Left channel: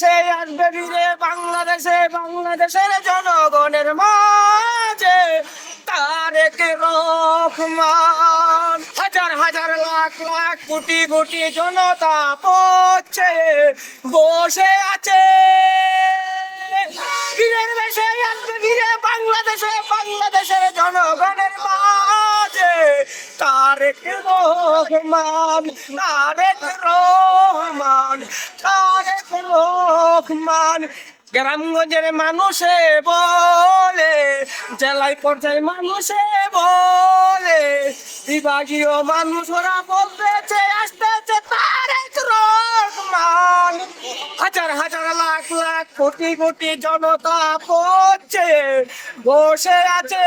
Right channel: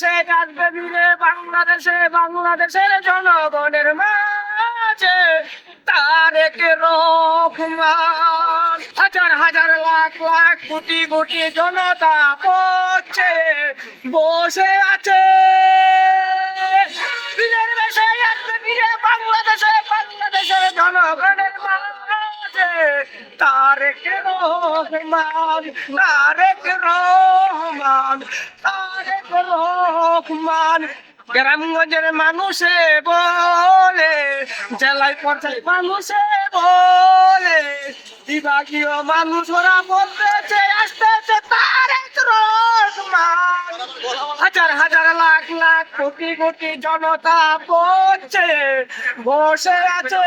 বেশে আসবে ফিরে, বাংলাদেশে, বাংলাদেশের জনগণের মাঝে তারেক রহমান। হাজার হাজার, লাখ লাখ, কোটি কোটি জনতা পড়ছে, বসে আছে। বীরের বেশে আসবে ফিরে, বাংলাদেশে, বাংলাদেশের জনগণের মাঝে তারেক রহমান তারেক রহমান। রহমান গ্রামগঞ্জের মানুষে বলে, জেলায় পর্যায়ে মানুষে বলে, বিভাগীয় মানুষ ওরা বলতেছে আসতেছে তারেক রহমান। হাজার হাজার লাখ লাখ কোটি কোটি জনতা পড়ছে বসে আছে